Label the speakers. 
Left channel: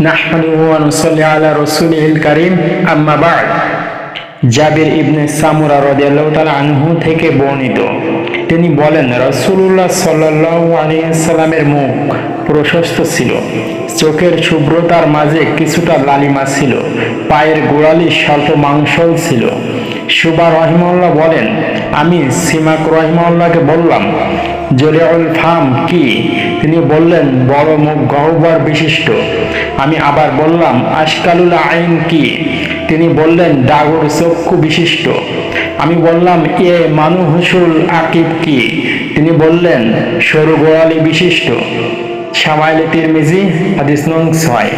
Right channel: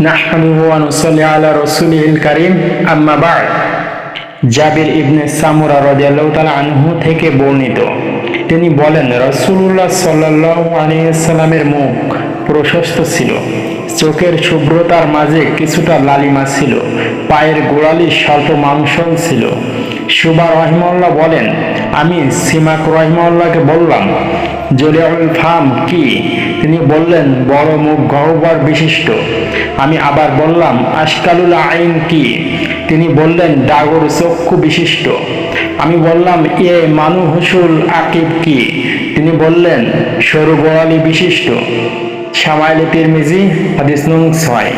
Speaker 1: নাহমাদুহু ওয়া নুসাল্লি আলা রাসূলিহিল কারীম আম্মা বা'দ জাবির ইবনে সামুরা রাদিয়াল্লাহু তাআলা আনহু থেকে বর্ণিত। তিনি বলেন, রাসূলুল্লাহ সাল্লাল্লাহু আলাইহি সাল্লামের মুখ প্রশস্ত ছিল। চোখের শুভ্রতার মাঝে কিছুটা লালিমা ছিল। পায়ের গোড়ালি স্বল্প মাংসল ছিল। সুবা রহিমউল্লাহ বলেন, আমি সিমাক রহিমউল্লাহকে বললাম, জলিউল ফাম কি? তিনি বললেন, বড় মুখ গহ্বর বিশিষ্ট। আমি আবার বললাম, আশকালুল আইন কি? তিনি বললেন, ডাগর চক্ষু বিশিষ্ট। আমি বললাম, এ মানু হুসুল আকিব কি? তিনি বললেন, সরু গোড়ালি বিশিষ্ট। সামাইলে তিরমিজি, হাদিস নং ছয়।